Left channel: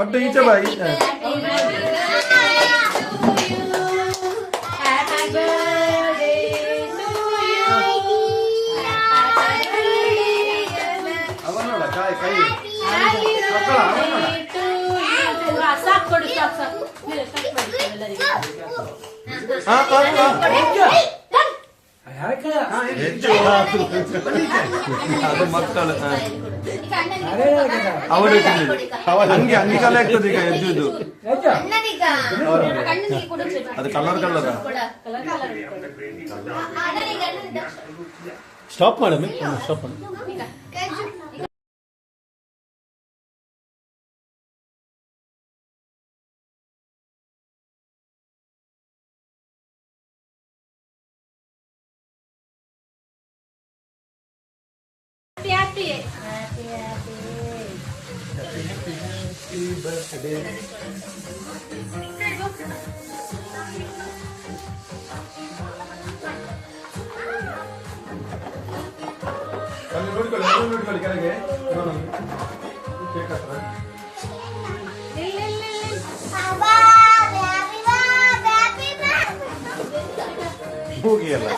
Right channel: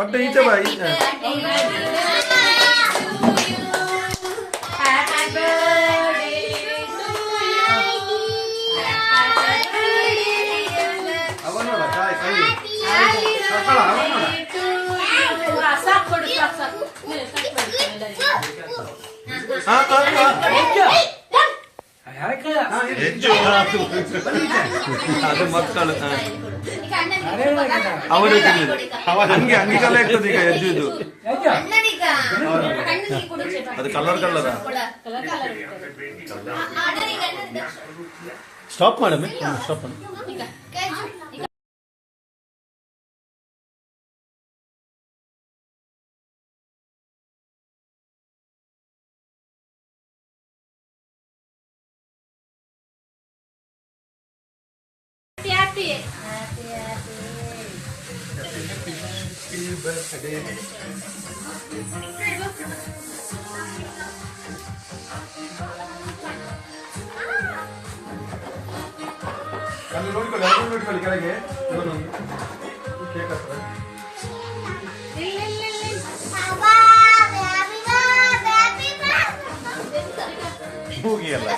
ಒಟ್ಟು ಈಚೆ ಬಾ. ಅದು ಮಕ್ಕಳು ಅವರು ಹಂಗೆ ಅಂಗಿಕಾಲ ಇರ್ತದೆ ಈಗ ಹೆಜ್ಜು ಇದು ಅದು ಕಲರ್ ಕಲರ್. ಸ್ಟಾಪ್ ಮಾಡಮ್ಮೆ, ಸ್ಟಾಪ್ ಮಾಡಿ. Happy birthday. ಅಲ್ಲಿ ನೋಡ್ಕೊಳ್ಳಿ ಕೆಳಗೆ ಕೇಕ್ ಹತ್ರ ಹೋಗಿ ಅಲ್ಲ